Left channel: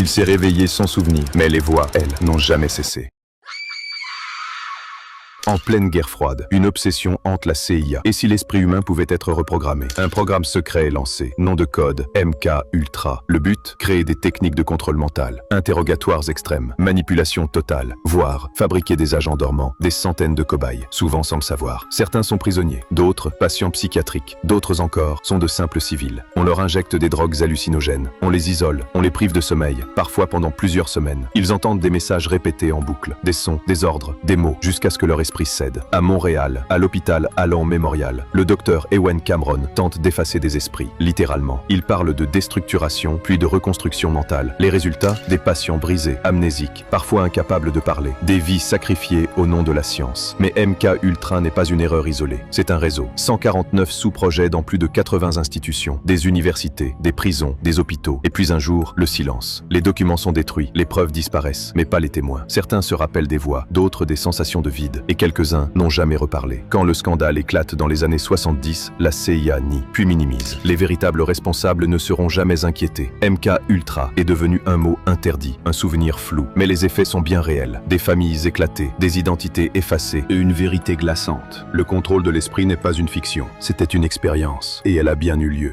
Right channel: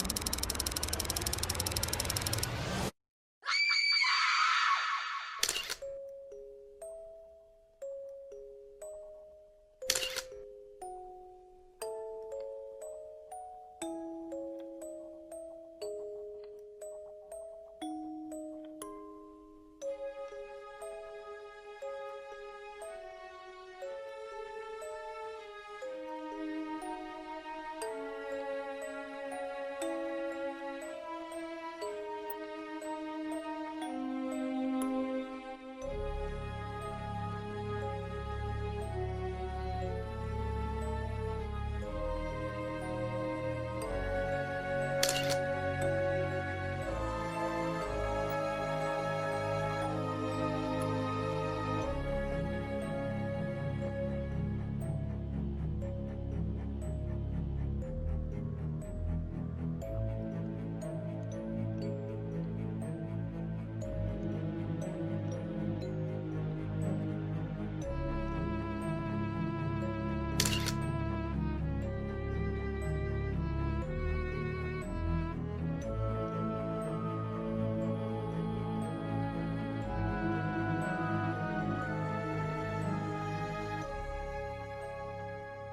Il s'est réveillé sans souvenir, mais les voix, elles, n'ont jamais cessé. En pleine guerre froide, une obsession hante la CIA. Et si l'esprit humain pouvait être reprogrammé? Un programme secret est lancé. Nom de code MK Ultra. Le but? Créer des techniques de contrôle mental. Interrogatoires extrêmes. Manipulation totale. Voire fabriquer des agents dormants. Des centaines de cobayes, souvent sans le savoir. Certains sont prisonniers. D'autres, patients psychiatriques. D'autres encore, sont de simples civils. On leur injecte des drogues hallucinogènes. On les isole. On les prive de sommeil. Parfois pendant plusieurs semaines. Ils entendent des messages répétés en boucle. Des sons, des ordres, des mots, jusqu'à ce que leur esprit cède. À Montréal, à l'hôpital Allan Memorial, le docteur Ewen Cameron tente d'effacer des esprits, littéralement. Il parle de déstructuration, puis de reconstruction mentale. Les résultats? Des patients brisés, amnésiques, parfois incapables de parler. Des vies sacrifiées au nom de la science. Mais MK Ultra n'est pas une erreur isolée. C'est un réseau. 149 sous-projets dans plus de 80 institutions, des universités, des prisons, des hôpitaux. Et puis un jour, le silence. Les documents sont détruits, les preuves disparaissent, mais pas les témoins. Certains se rappellent des voix, d'autres des sensations de vide. Et quelques-uns n'ont jamais reparlé. Quand le scandale éclate dans les années 70, la CIA nie, puis minimise. Les véritables responsables ne seront jamais inquiétés. MK Ultra est devenu un mot interdit, un souvenir flou. Mais les effets sont bien réels. Des familles éclatées, des identités effacées et une vérité glaçante. Le contrôle de l'esprit n'est pas une fiction, c'était une expérience. Et elle a bien eu lieu.